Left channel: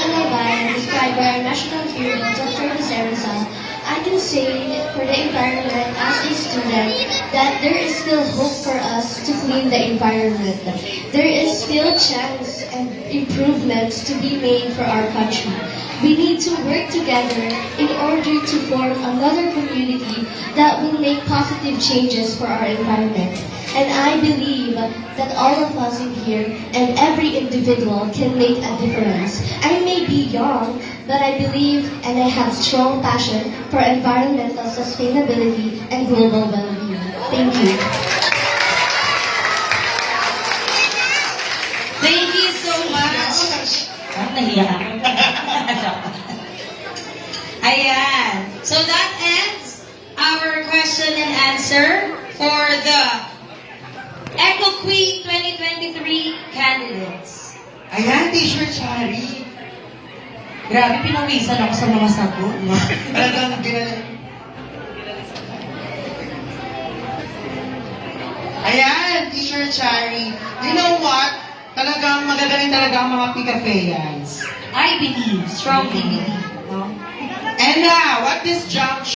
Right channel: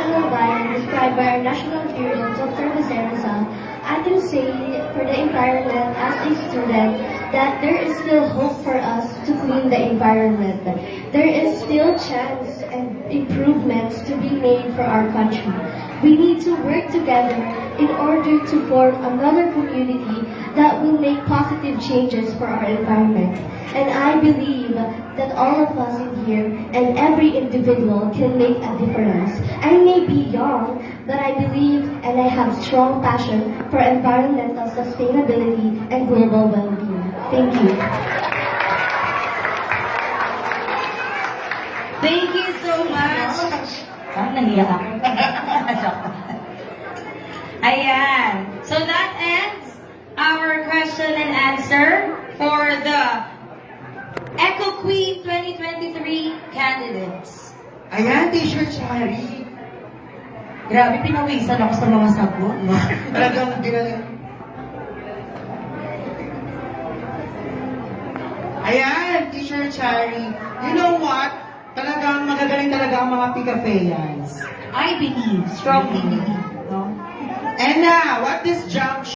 in my bio described by our national hero, Dr. Jose Rizal, I can say for the environment as a student that there is still hope for us to clean the environment. There is still chance and improvements to be made for our country. We need to work together in order to form another community that will make positive changes for our environment. And I believe that all of us in here and every individual can make a difference. I may be young, but I believe and I have strong passion for environmental sustainability and global well-being. Thank you. Thank you so much. Nahiya ako. Ayan. So that ends our question and answer for the Eco Queen 2023 candidates. Ayan, Teacher Chari. Grabe, pinawisan ako sa mga sagot, no? Talagang Ayan, Teacher Chari. You know what? Talagang magagaling talaga ang mga Picafeyans. I believe, strongly believe. And now, what this jump